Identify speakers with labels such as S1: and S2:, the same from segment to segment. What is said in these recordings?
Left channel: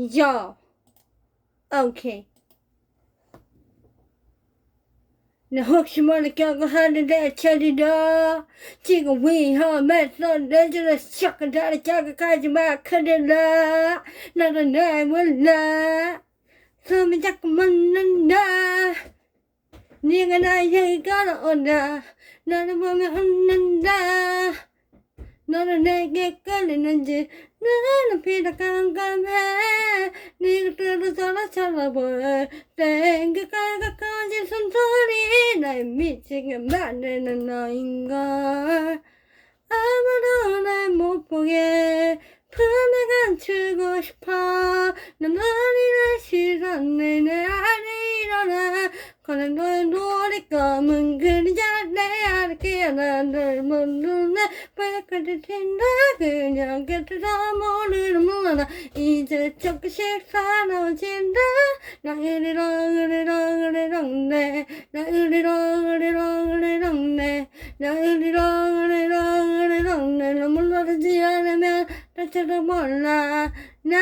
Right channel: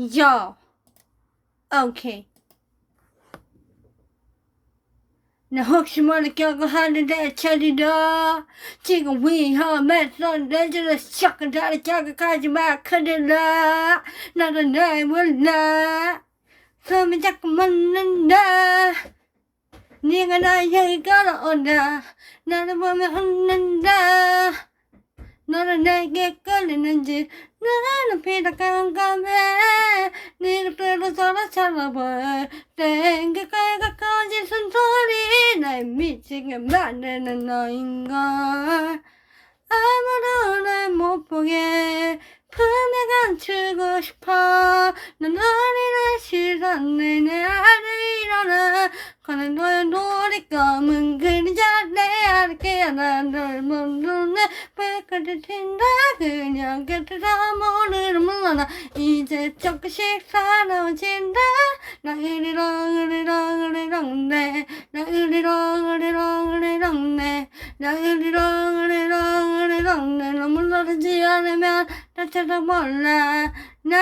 S1: Ja. Okay. Now hook you wanna go behind the dead teddy da Chica wee ha man son dangerous chuck and daddy chaka kajima couldn't la not a name will la Some jack man and da Ning and I yaka on da Not a woman and da 너는 내게 끌리는지 나는 피다 깜깜해. 네가 들어 서로 찾아볼 땡겨까지 가까워진 숨소리 날 미치게 만드는 너인걸. 아무도 날 못 보게. 품에 감추고 싶어. 난 어린의 시선에 내 안에 일어나. 거는 너의 노리 검은 그 왜까지 튄다 그냥 곁에서 모르는 몰라 이제 조금씩 사나워진다. 나 으리렁 으리렁 으리렁 네나 으리렁 으리렁 으리렁 네나 으리렁 으리렁 으리렁 네. 너무 놀라지 않으면 나처럼 몰라. 나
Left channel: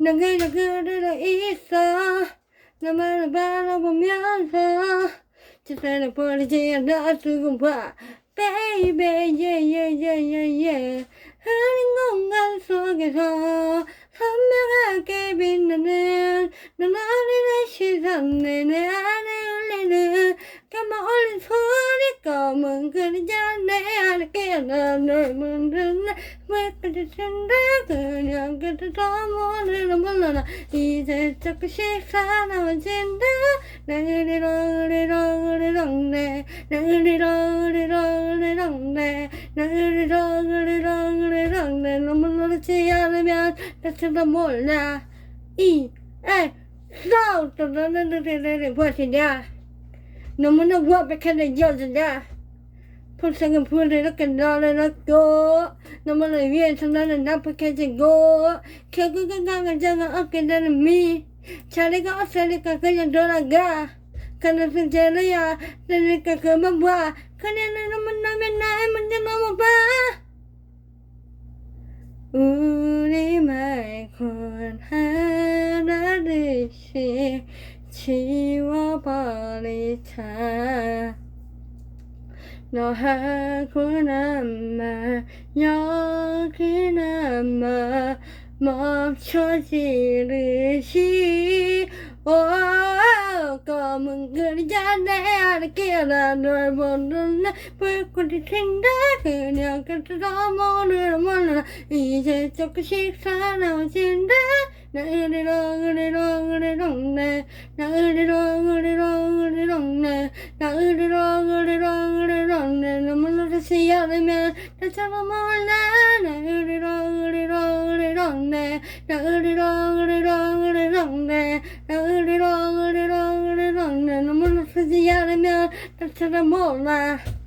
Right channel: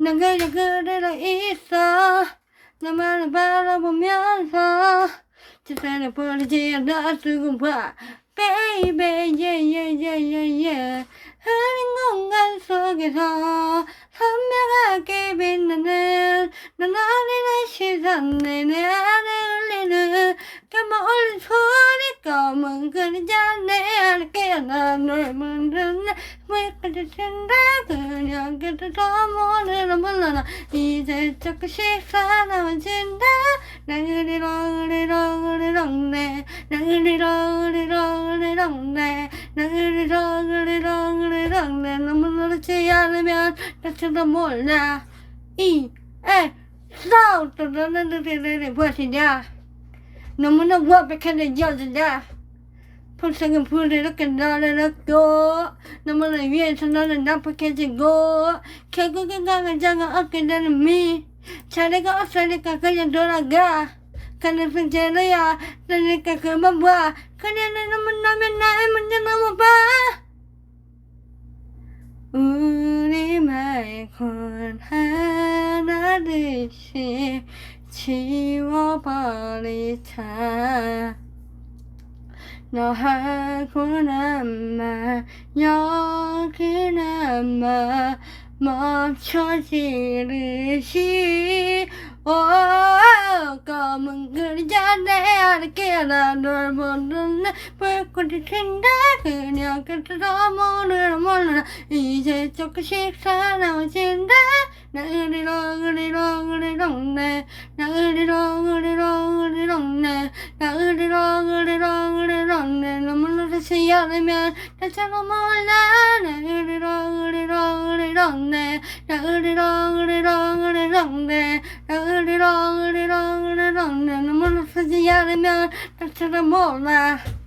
S1: 난 그저 그대로 있어. 나만을 바라보면서 지사를 버리지 않아 쓰고 봐. Baby yeah yeah yeah yeah yeah. 흐린 공간 속에서 선명하게 빛나는 난 어린의 시선 내내 내 안에 깨어나 널 문드는 왜까지 그냥 그래도 모르는 몰라나. 이제 조금씩 사나워진다. 나 으리렁 으리렁 으리렁 네 나 으리렁 으리렁 으리렁 네 나 으리렁 으리렁 으리렁 네. 너무 놀라지 않으면 나처럼 몰라. 이 에 싸우던 너는 너는 무엇이냐? 너무나 완벽한 여자냐 불쌍한 불을 이렇게 너를 얻고 너무나 위해서 너는 나쁘게지고. 강한 장을 얻게 되는 미. 자리가 없으니까 그냥 돌아가. 가는 승재로야. 그러니까 그만 봐 그냥 너는 문나면 나의 문제 넘어봐. 우리 말곤 하나씩 지워버리자 너하고 남아 여기나마 멈춰지듯이. 오 검은 그림자 내 안에 깨어나 널 보는 불꽃이 튄다. 그냥 끝에서 모르는 몰라 이제 조금씩 사나워진다. 나 으리렁 으리렁 으리렁 네나 않으면 다처럼 몰라 으리렁 으리렁 으리렁 내 으리렁 으리렁 으리렁 내 으리렁 으리렁 으리렁 내 눈물 흐르지 않으면 다처럼 몰라.